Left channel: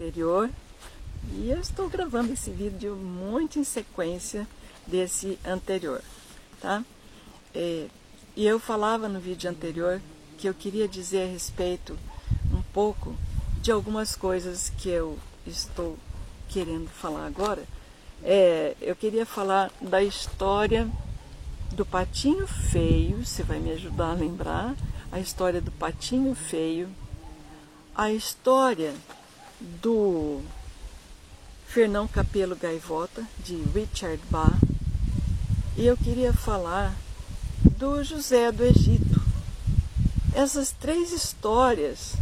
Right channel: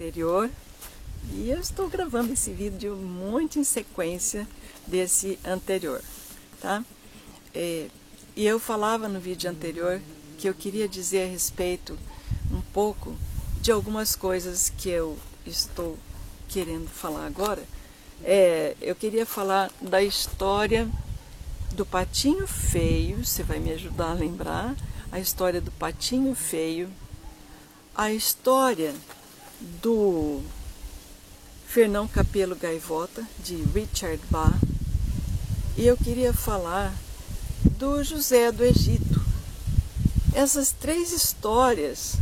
anterior e eu estou gravando esse vídeo muito em sequência desse anterior, tá? E eu falava no vídeo anterior que eu queria dizer a respeito um pouco de algumas coisas que eu estou querendo falar agora. Eu queria falar da história do Patinho Feio, você vai me ajudar a lembrar, a história do Patinho Feio, a história do Fernão Capelo Gaivota, de Richard Bach, e eu queria falar do José do Egito. Essas três histórias,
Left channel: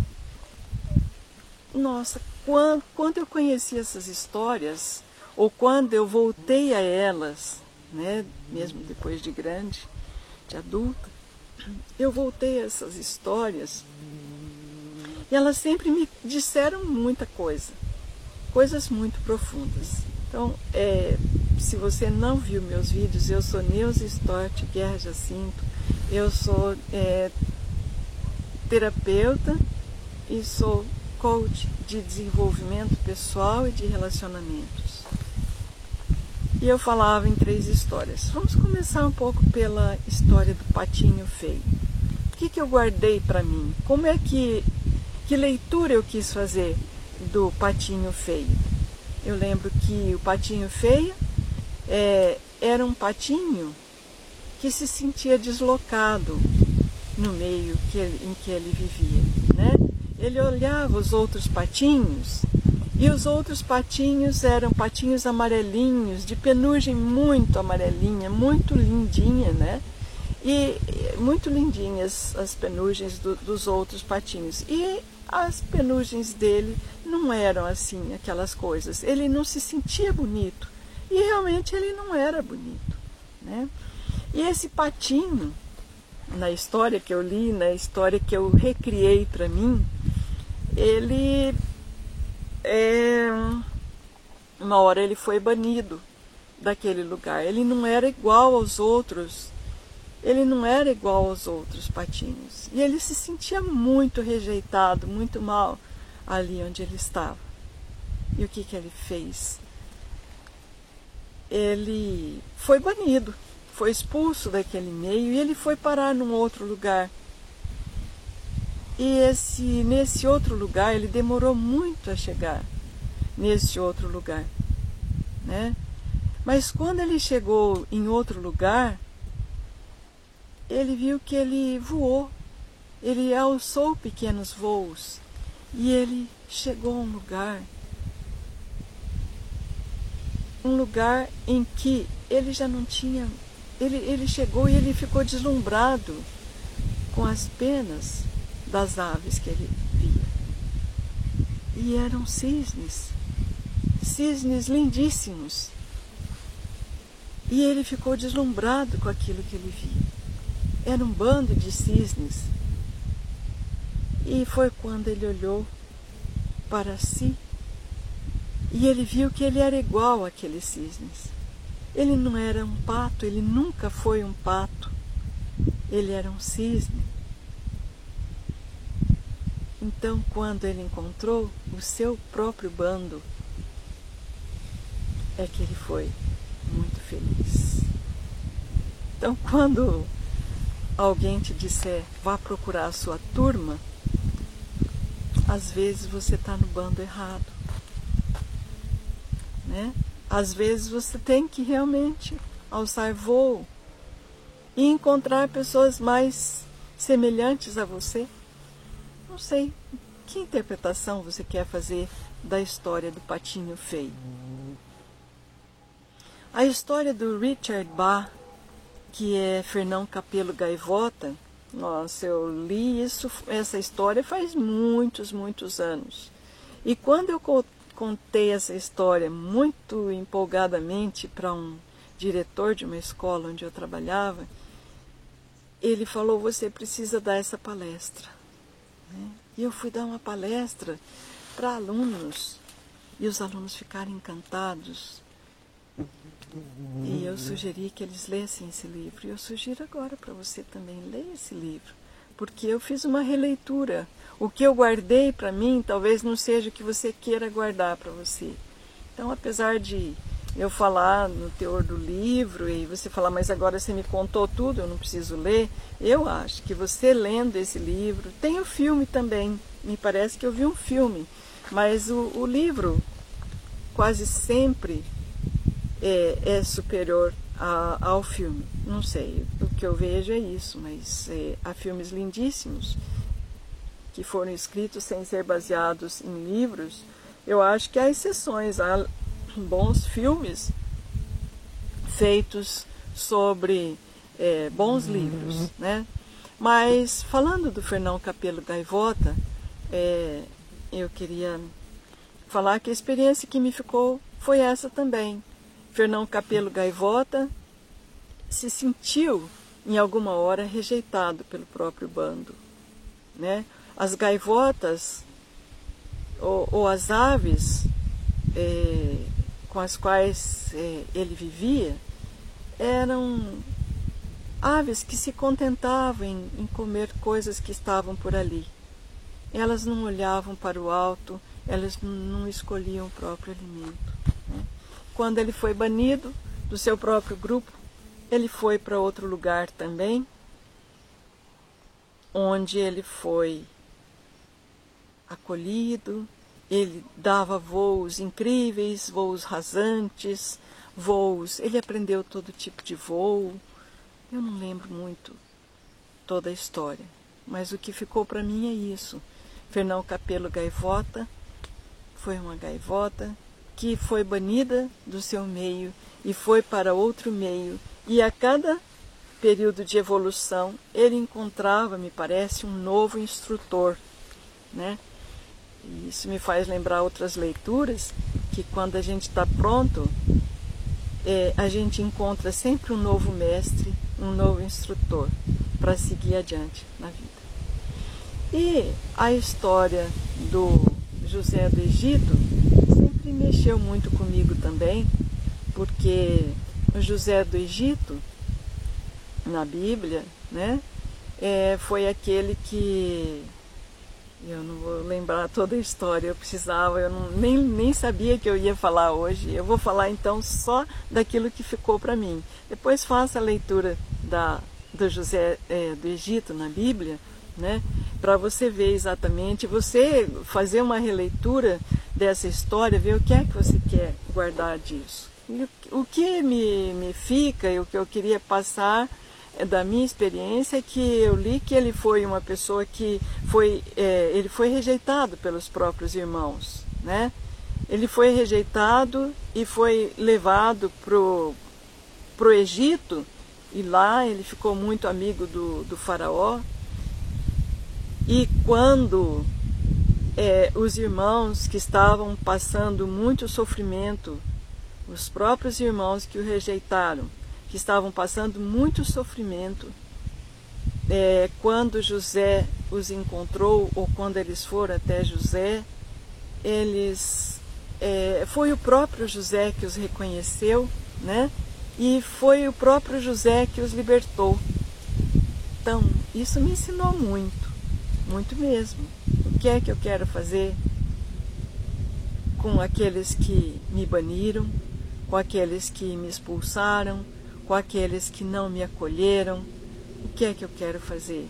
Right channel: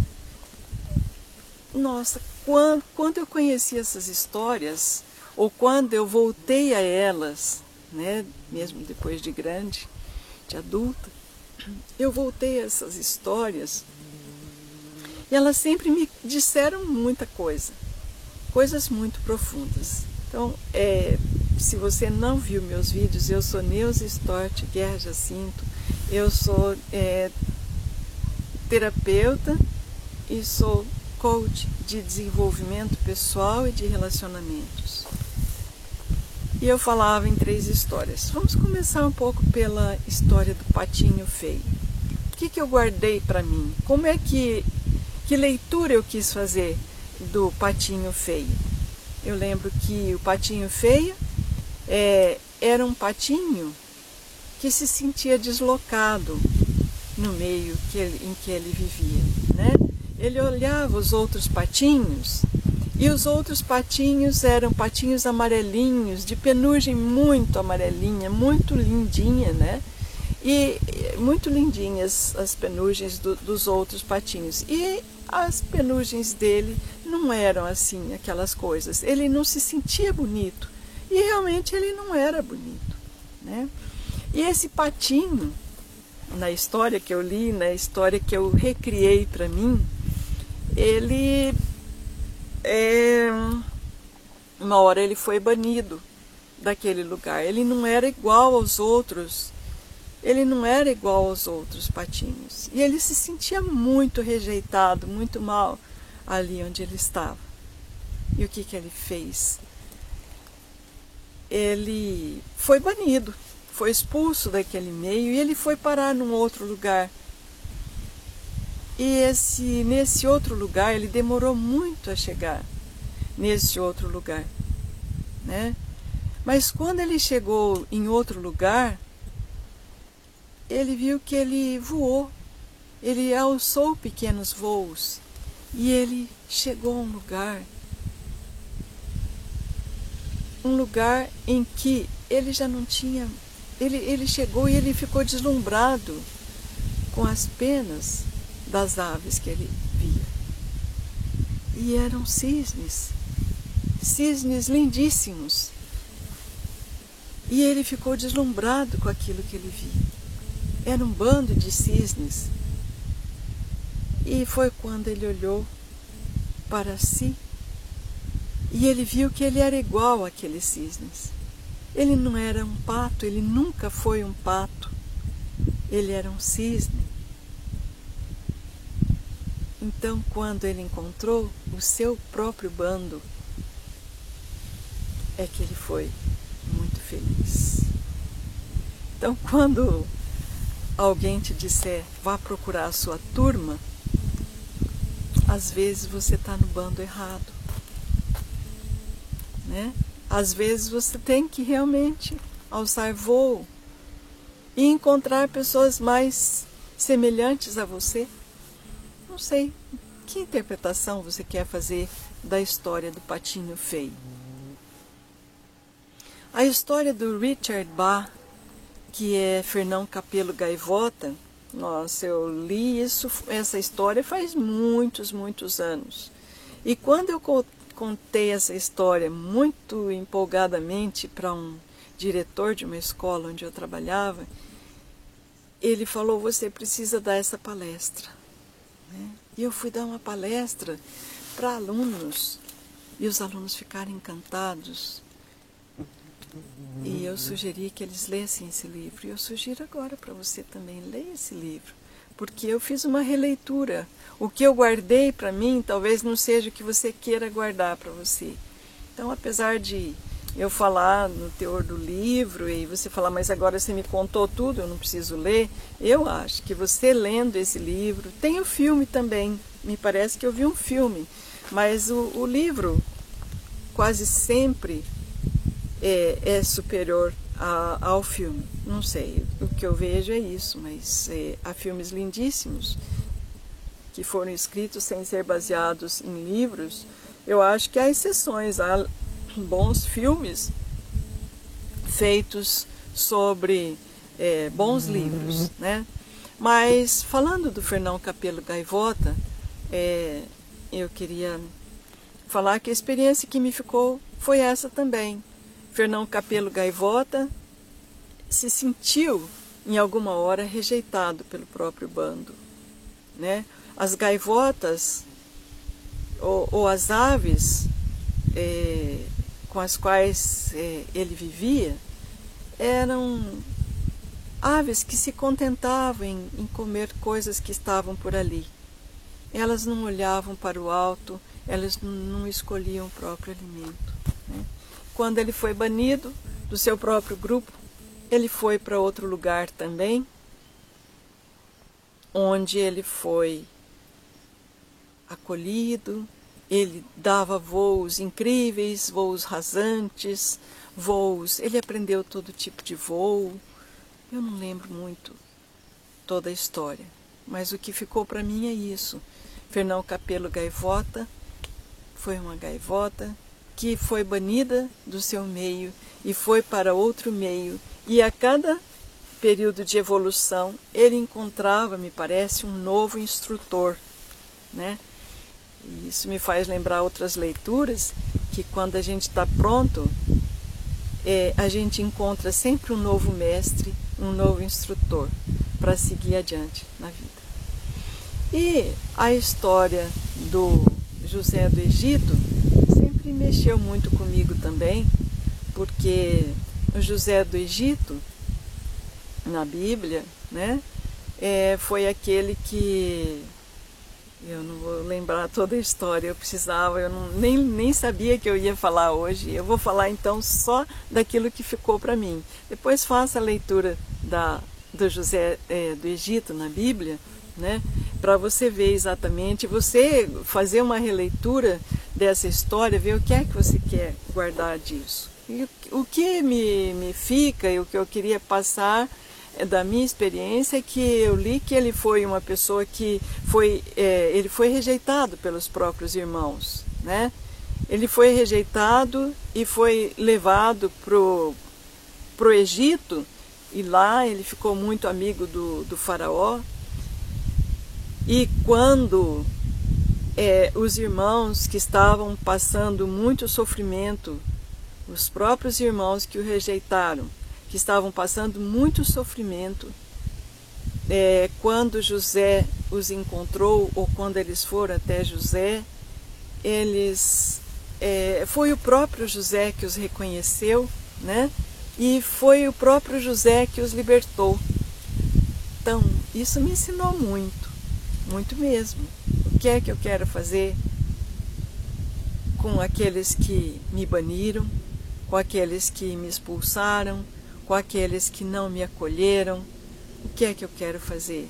nossa, quando eu conheci essas histórias, ou quando eu voltei a elas, né, mesmo depois de grande, de adulta, eu voltei a essas histórias e elas sempre me disseram muita coisa, coisas muito profundas. Então, se você não viu meus vídeos, eu sou Neuza Stort Guerra Jacinto, eu sou terapeuta e sou coach de desenvolvimento pessoal e de relacionamentos. E eu falava em três histórias. Vamos começar um pouco pela história do Patinho Feio. O que eu guardei para mim? Que leitura eu quis fazer do Patinho Feio? Eu lembro que o Patinho Feio era um patinho que se sentia deslocado no meio em que ele vivia, né? Ele olhava os outros patinhos, e os outros patinhos eram patinhos amarelinhos, de penugem muito amarelinha, muito lindinha, né? E muito lindinhas as penugens dos outros patinhos. E as penugens dele não eram assim, aquelas coisas. Ele não se sentia bonito. E realmente ele não era bonito, né? E esse patinho, na história que eu li, na história que eu recriei para mim, ele, uma hora ele foi banido daquele lugar. Ele não era igual aos outros, ele não era igual aos outros patinhos. E ele se sentia muito rejeitado, muito mal ali onde ele estava. E o que ele fez? Ele foi banido, foi expulso daquele meio e ele foi parar num outro lugar. E nesse outro lugar, ele demorou muito a chegar nesse outro lugar, né? Mas quando ele chegou em outro lugar, ele viu que ele voou, ele alçou pequenos voos e ele chegou a um lugar em que ele já não tinha, ele chegou e ele ficou deslumbrado com as penas das aves que ele via. E eram cisnes lindíssimos. E ele ficou deslumbrado com aquilo que ele via. Era um bando de cisnes. E foi quando ele olhou para si e ele viu que ele era igual àqueles cisnes. Ele não era um pato, ele nunca foi um pato. Ele era um cisne. Então, quando ele encontrou o seu próprio bando, é que ele foi muito feliz. Então, quando alguém te disser, vá procurar a sua turma, às vezes você está no bando errado, né? Às vezes você tem que realmente alçar voo e encontrar pessoas mais semelhantes a você. Não sei, que interpretação você quer fazer da história do Patinho Feio? A história do Richard Bach, que é Fernão Capelo Gaivota, nossa, eu li essa história faz muitos, muitos anos. E quando eu contei essa história muito empolgadamente para um diretor de uma escola onde eu trabalhava, ele falou, você precisa dar essa palestra. E eu fui dar uma palestra para alunos, e os alunos ficaram encantados. E eu sugeri que eles lessem esse livro, e eu sugiro agora para você também, leia esse livro, porque eu fiz uma releitura. O que eu guardei para mim talvez não seja o que você queira guardar para você. Então, apesar de eu falar no teor do livro e você falar, mas agora você me contou tudo, eu não preciso ler, eu acho que você lendo esse livro, tem o filme também, me parece que eu vi um filme, mas o livro quase sempre é superior ao filme. Não sei, o que eu vejo é isso, mas há filmes lindíssimos que foram escritos sem ser baseados em livros. Eu acho que há exceções, há bons filmes feitos sobre bons livros, né? Mas falando do Fernão Cappelo Gaivota, eu queria falar que a experiência que me ficou foi essa também. Fernão Cappelo Gaivota se sentiu em alguma hora rejeitado pelo próprio bando, né? As gaivotas ou as aves com as quais ele vivia eram aves que se contentavam em comer coisas que estavam por ali. Elas não olhavam para o alto, elas não escolhiam o próprio alimento, né? Quando ele foi banido do seu próprio grupo, ele foi para outro lugar também, onde ele foi acolhido, ele dava voos incríveis, voos rasantes, ele aprendeu todo tipo de voo. Eu não lembro muito toda a história, mas o que ficou para mim é isso. Fernão Cappelo Gaivota foi uma gaivota que foi banida do seu meio e foi para outro meio, e a cada período de evolução ele encontrava, me parece, um novo instrutor, né? E isso me faz lembrar outras leituras, que quando a gente está pronto, a gente encontra sempre um novo mestre, um novo instrutor para seguir adiante na vida. E a história do José do Egito sempre mexeu muito comigo também, porque o José do Egito, na Bíblia, né, foi aquele que... Eu não vou lembrar toda a história, eu nem sabia que eu ia falar hoje. Eu vou falar então só daquilo que ficou para mim. Depois faça a leitura do José do Egito na Bíblia, né, para você ver exatamente, você fazer uma releitura dessa história, ver o que é que você quer guardar disso. E o que me fica e o que eu queria passar da minha experiência é que eu li que ele foi uma pessoa que ele foi rejeitado pelos próprios irmãos, né? Ele foi rejeitado e foi levado pro Egito, e lá ele ficou muito amigo do faraó. E quando os irmãos que estavam passando muito sofrimento, os próprios irmãos que o rejeitaram, que estavam passando muito sofrimento, quando José os encontrou, ou quando eles foram até José, foi o próprio José que os reconheceu, né? E foi o próprio José que os libertou. Então, isso me ensinou muito, muito mesmo. O que é que eu quero fazer com aqueles que me baniram, com aqueles que me expulsaram, com aqueles que não me acolheram? O que é que eu quero fazer?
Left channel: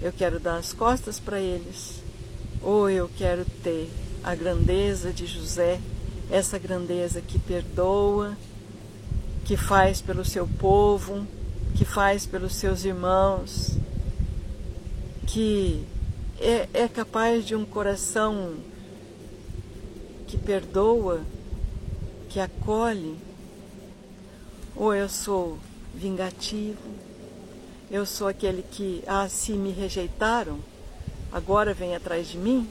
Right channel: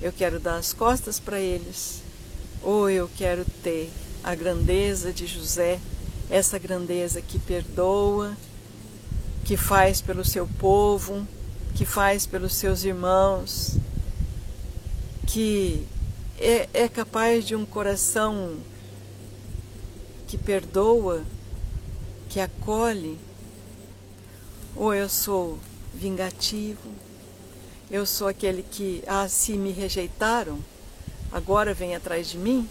Eu quero dar as costas para eles? Ou eu quero ter a grandeza de José, essa grandeza que perdoa, que faz pelo seu povo, que faz pelos seus irmãos, que é capaz de um coração que perdoa, que acolhe? Ou eu sou vingativo, eu sou aquele que, se me rejeitaram, agora vem atrás de mim,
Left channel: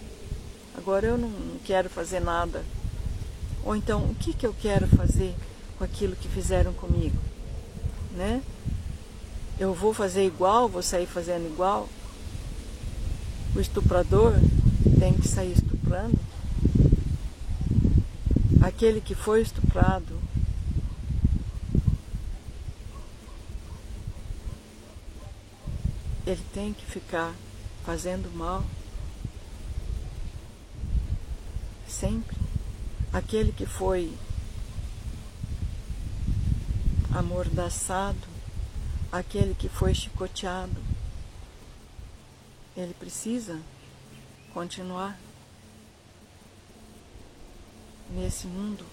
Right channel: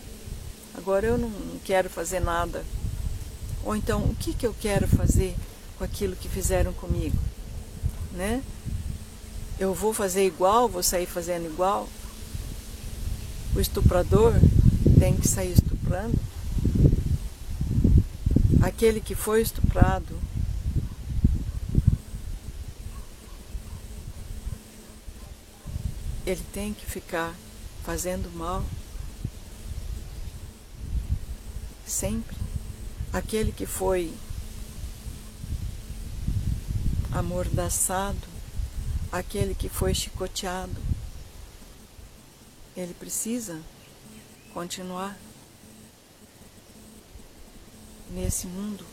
agora eu não quero fazer nada. Ou então, o que eu quero fazer com aquilo que fizeram comigo, né? Eu vou fazer igual, vou sair fazendo igual? O estuprador tem que sair estuprando? Aquele que foi estuprado, ele tem que ficar fazendo mal. Sempre. Aquele que foi amordaçado, aquele que foi chicoteado, ele precisa continuar nesse mundo.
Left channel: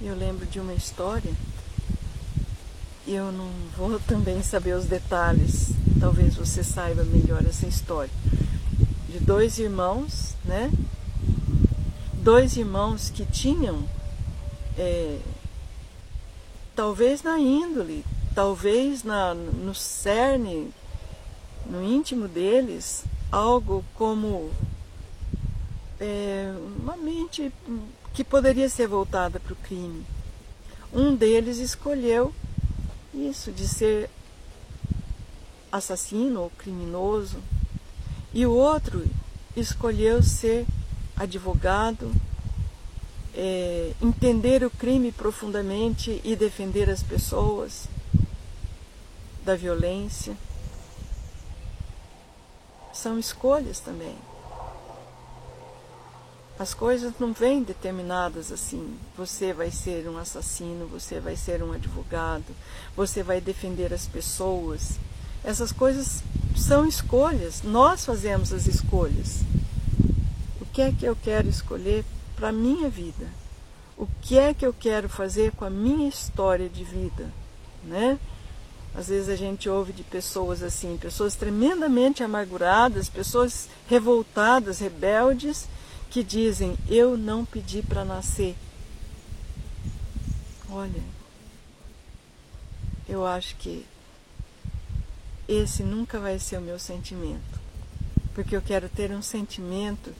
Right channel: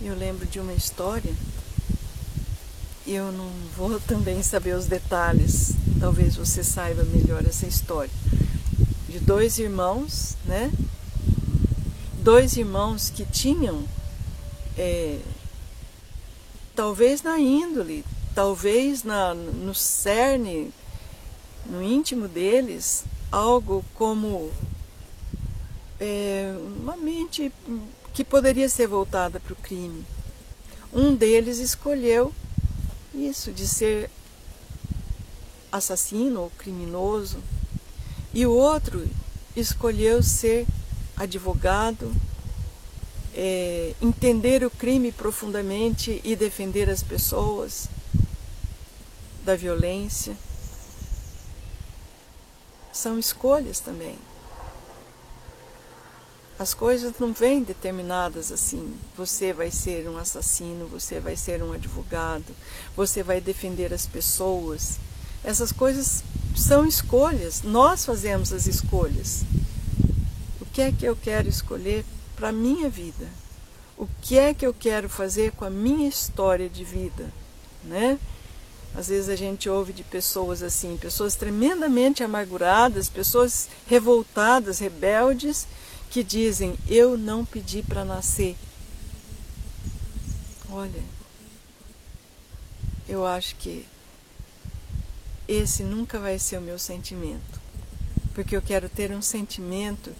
Eu lembro de uma história, eu não vou também saber os detalhes, talvez você saiba melhor essa história, de dois irmãos, né? Dois irmãos que tinham, talvez na índole, talvez no cerne, no íntimo deles, algo como uma mente que poderia ser voltada para o crime. Um deles escolheu isso, de ser assassino ou criminoso, e o outro escolheu ser advogado, entender o crime profundamente e defender as pessoas da violência. São escolhas também. As coisas não vêm determinadas assim. Você vai ser um assassino, você vai ser um advogado, você vai defender as pessoas. Essas coisas são escolhas. Nós fazemos as escolhas. O que é que eu quero escolher para a minha vida? O que é que eu quero fazer com a minha história de vida, né? Às vezes a gente ouve de pessoas assim, pessoas tremendamente amarguradas, pessoas revoltadas, rebeldes, que dizem, eu não pedi para nascer. Olha, eu acho que esse nunca vai ser o meu sentimento, porque eu quero ter um sentimento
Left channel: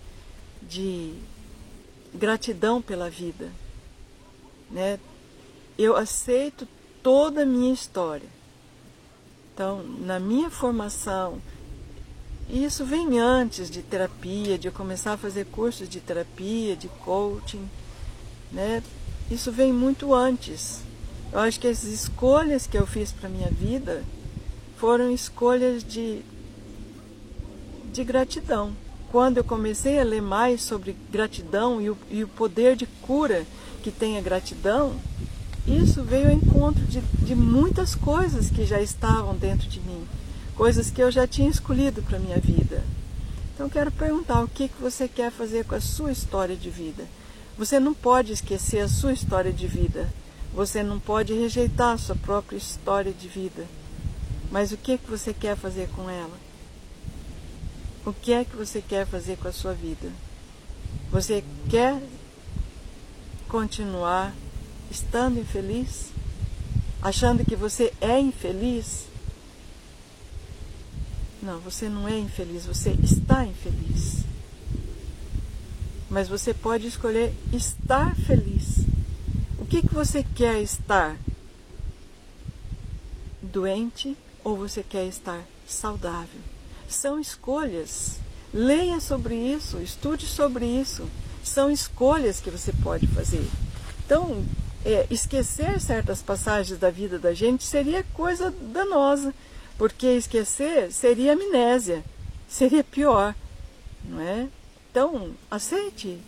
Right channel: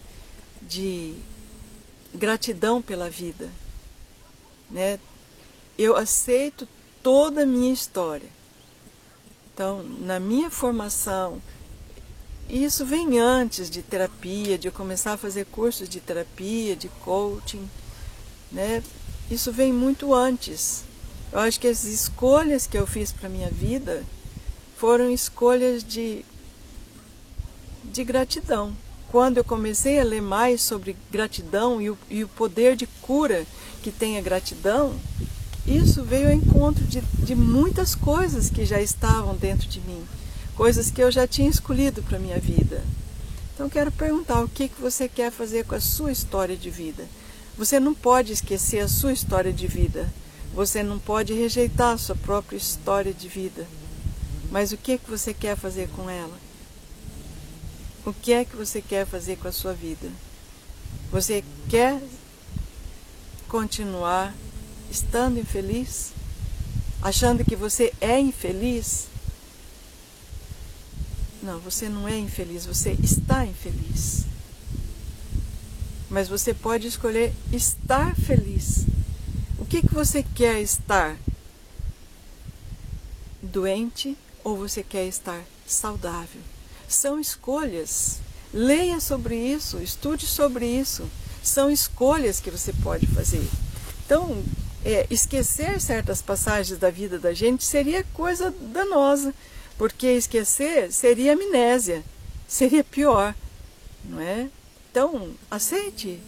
de gratidão pela vida, né? Eu aceito toda a minha história. Então, na minha formação, isso vem antes de terapia, de eu começar a fazer cursos de terapia, de coaching, né? Isso vem muito antes. Eu acho que as escolhas que eu fiz para a minha vida foram escolhas de gratidão. Quando eu comecei a ler mais sobre gratidão e o poder de cura que tem a gratidão, isso veio ao encontro de muitas coisas que já estavam dentro de mim, coisas que eu já tinha escolhido para a minha vida. Então, quero perguntar, o que você quer fazer com a sua história de vida? Você não pode esquecer a sua história de vida, você não pode rejeitar a sua própria história de vida, mas o que você quer fazer com ela? O que é que você quer fazer com a sua vida? Você quer continuar estando infeliz? Achando que você é infeliz? Não, você não é infeliz, você está infeliz. Mas você pode escolher estar feliz. O que você quer estar? Doente ou você quer estar saudável? São escolhas. Leia sobre isso, estude sobre isso. São escolhas que você pode fazer. Então, esquecer certas passagens da vida da gente seria coisa danosa, porque esquecer seria amnésia, seria pior, não é? Então, aceite,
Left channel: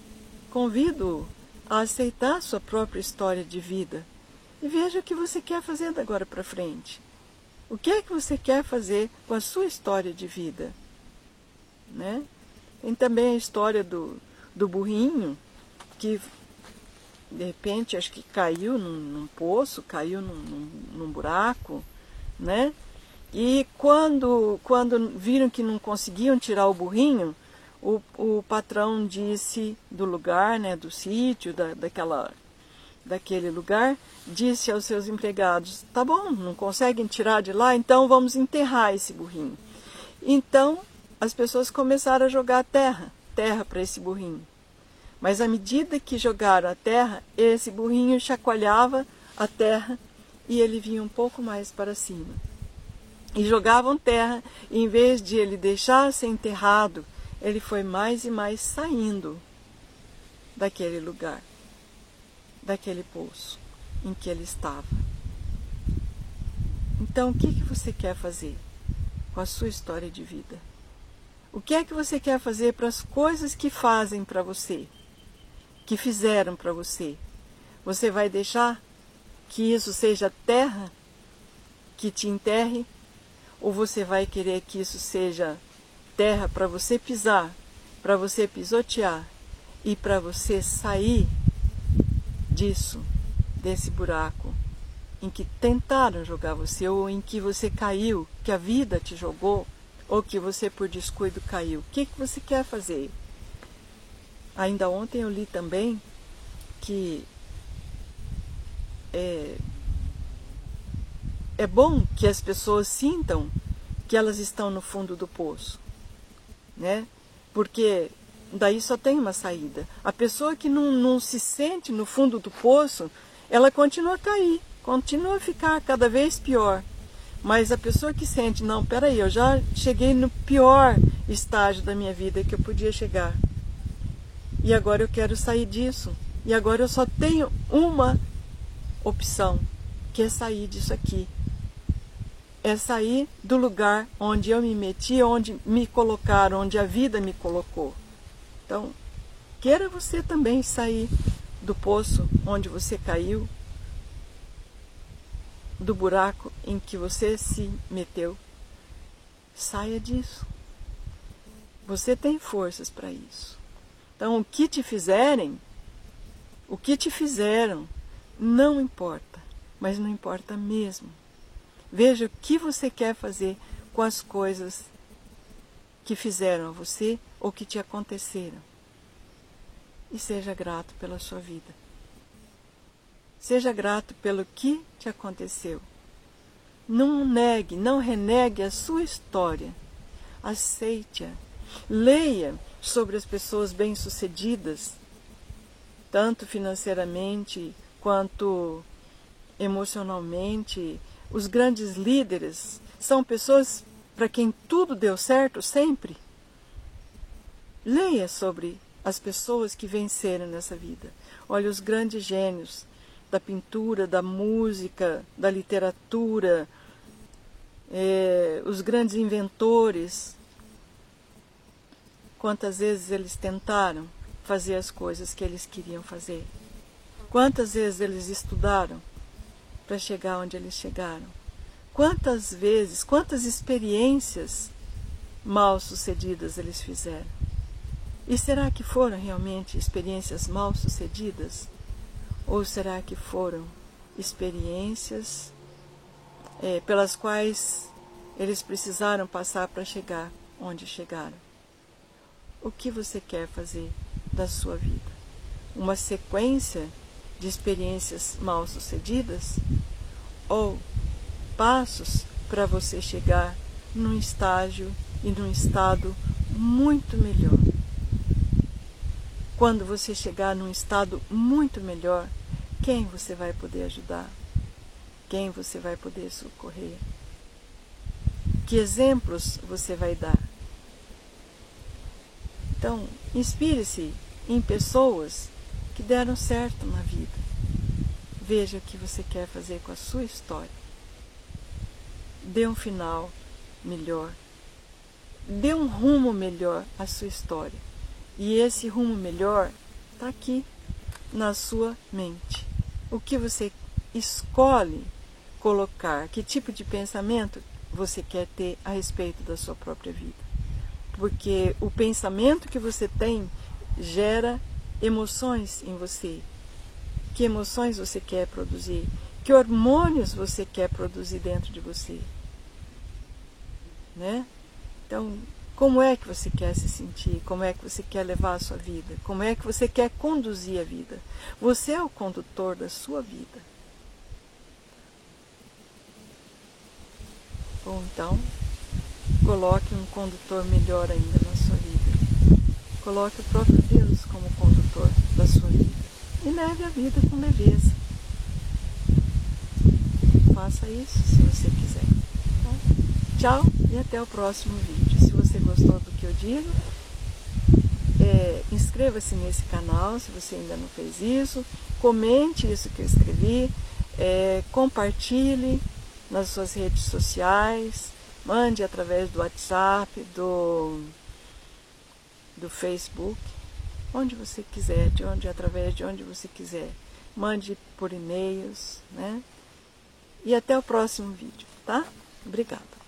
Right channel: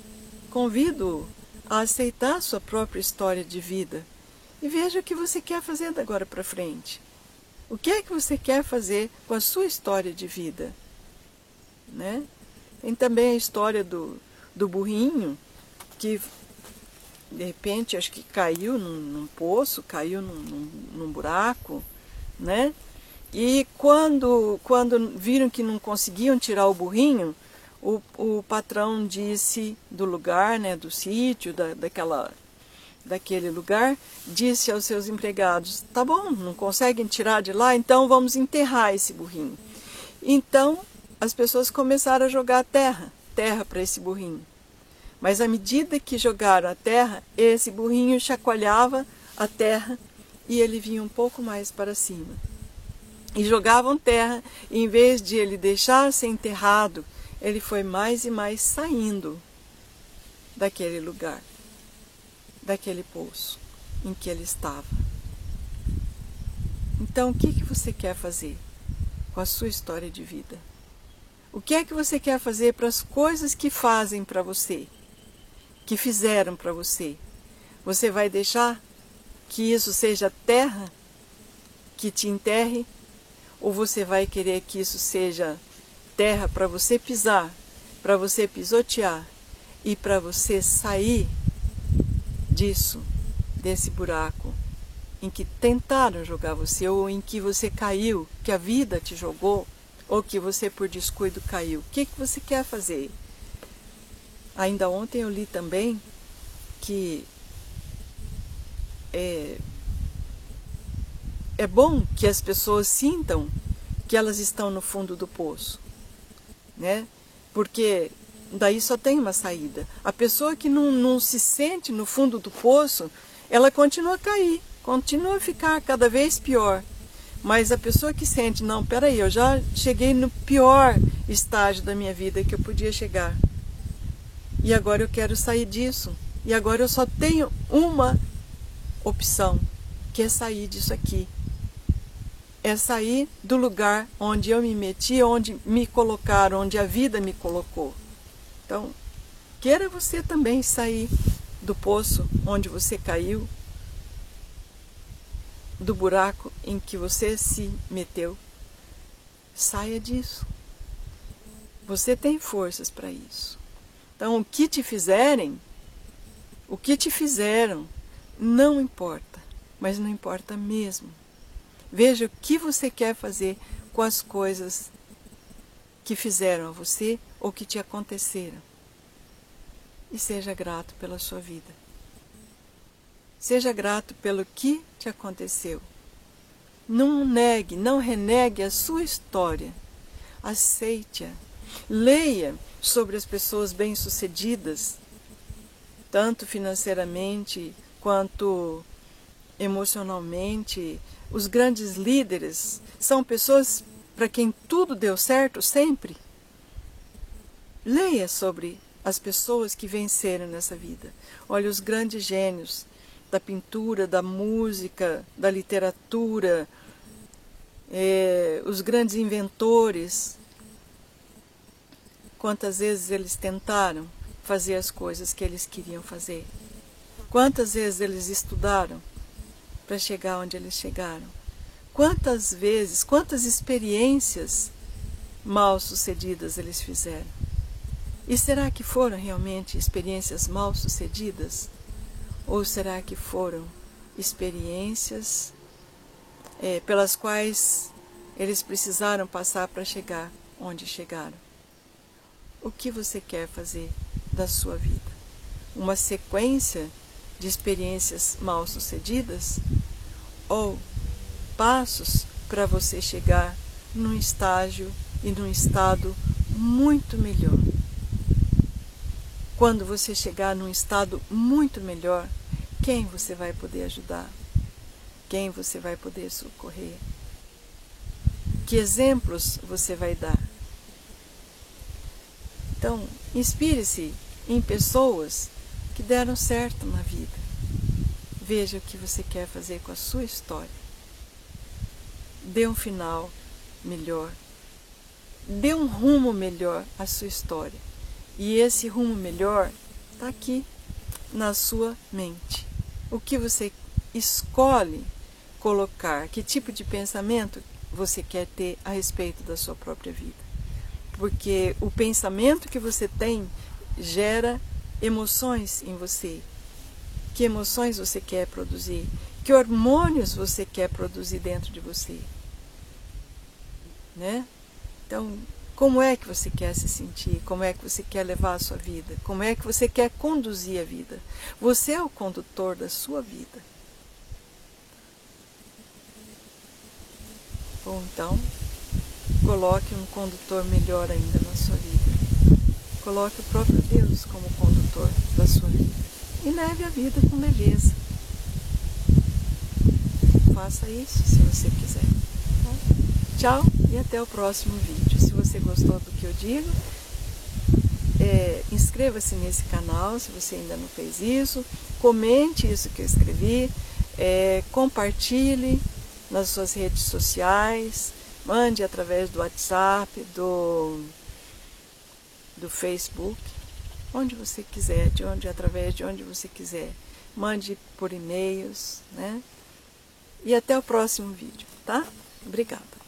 convido a aceitar a sua própria história de vida e veja o que você quer fazer da agora para frente. O que é que você quer fazer com a sua história de vida, né? Tem também a história do burrinho, que de repente acho que caiu num poço, caiu num buraco, né? E quando viram que não conseguiam tirar o burrinho, o patrão disse do lugar, né, do sítio, daquele lugar, disse aos seus empregados, tá bom, não conseguem tirar de lá, então vamos enterrar esse burrinho. Então as pessoas começaram a jogar terra para esse burrinho. Mas à medida que jogaram a terra, esse burrinho chacoalhava a terra e ele vinha um pouco mais para cima. E jogavam terra, e em vez de ele deixar ser enterrado, ele foi mais e mais saindo daquele lugar, daquele poço em que ele estava. Então, o que você quer fazer com a sua história de vida? O que é que você quer fazer para as coisas que fazem para você, que fizeram para você? Você vai deixar que isso seja terra que te enterre? Ou você vai querer que isso seja terra para você pisar, para você pisotear e para você sair disso, desse buraco em que tentaram jogar você, ou em que você caiu, que a vida te jogou, ou que você por descuido caiu? O que você quer fazer? Ainda ontem eu li também que é bom que as pessoas sintam que elas estão no fundo do poço, né? Porque daí só tem uma saída. A pessoa que não se sente no fundo do poço, ela continua a cair, continua a ficar cada vez pior. Mas a pessoa que sente, não, peraí, eu já cheguei no pior estágio da minha vida que eu podia chegar. E agora eu quero sair disso. E agora eu só tenho uma opção, que é sair disso aqui. É sair do lugar onde eu me meti, onde me colocaram, onde a vida me colocou. Então, queira você também sair do poço onde você caiu, do buraco em que você se meteu. Saia disso. Você tem forças para isso. Então, o que te fizerem, o que te fizeram, não importa, mas não importa mesmo. Veja o que você quer fazer com as coisas que fizeram a você ou que te aconteceram. E seja grato pela sua vida. Seja grato pelo que te aconteceu. Não negue, não renegue a sua história. Aceite-a. Leia sobre as pessoas bem-sucedidas, tanto financeiramente quanto emocionalmente. Os grandes líderes são pessoas para quem tudo deu certo sempre. Leia sobre as pessoas que venceram nessa vida. Olha, os grandes gênios da pintura, da música, da literatura, os grandes inventores. Quantas vezes eles tentaram fazer as coisas que eles queriam fazer? Quantas vezes eles estudaram para chegar onde eles chegaram? Quantas vezes, quantas experiências mal sucedidas eles fizeram? E será que foram realmente experiências mal sucedidas? Ou será que foram experiências pelas quais eles precisaram passar para chegar onde chegaram? O que você quer fazer da sua vida? Uma sequência de experiências mal sucedidas? Ou passos para você chegar num estágio e num estado muito melhor? Quando você chegar num estado muito melhor, quem você vai poder ajudar? Quem você vai poder socorrer? Que exemplos você vai dar? Então, inspire-se em pessoas que deram certo na vida. Veja o que você quer fazer com a sua história. Dê um final melhor. Dê um rumo melhor à sua história. E esse rumo melhor está aqui na sua mente. O que você escolhe colocar, que tipo de pensamento você quer ter a respeito da sua própria vida. Porque o pensamento que você tem gera emoções em você. Que emoções você quer produzir? Que hormônios você quer produzir dentro de você? Né? Então, como é que você quer se sentir? Como é que você quer levar a sua vida? Como é que você quer conduzir a vida? Você é o condutor da sua vida. Ou então, coloque um condutor melhor ainda na sua vida. Coloque o próprio Deus como condutor da sua vida. E leve a vida com leveza. Faça isso se você quiser. Tá? Tchau e até o próximo vídeo. Se você gostou do que eu digo, inscreva-se nesse canal se você ainda não fez isso. Comente isso que eu escrevi. Compartilhe nas suas redes sociais. Mande através do WhatsApp, do do Facebook, onde você quiser, através de onde você quiser. Mande por e-mails, né? E até o próximo vídeo, tá? Obrigada.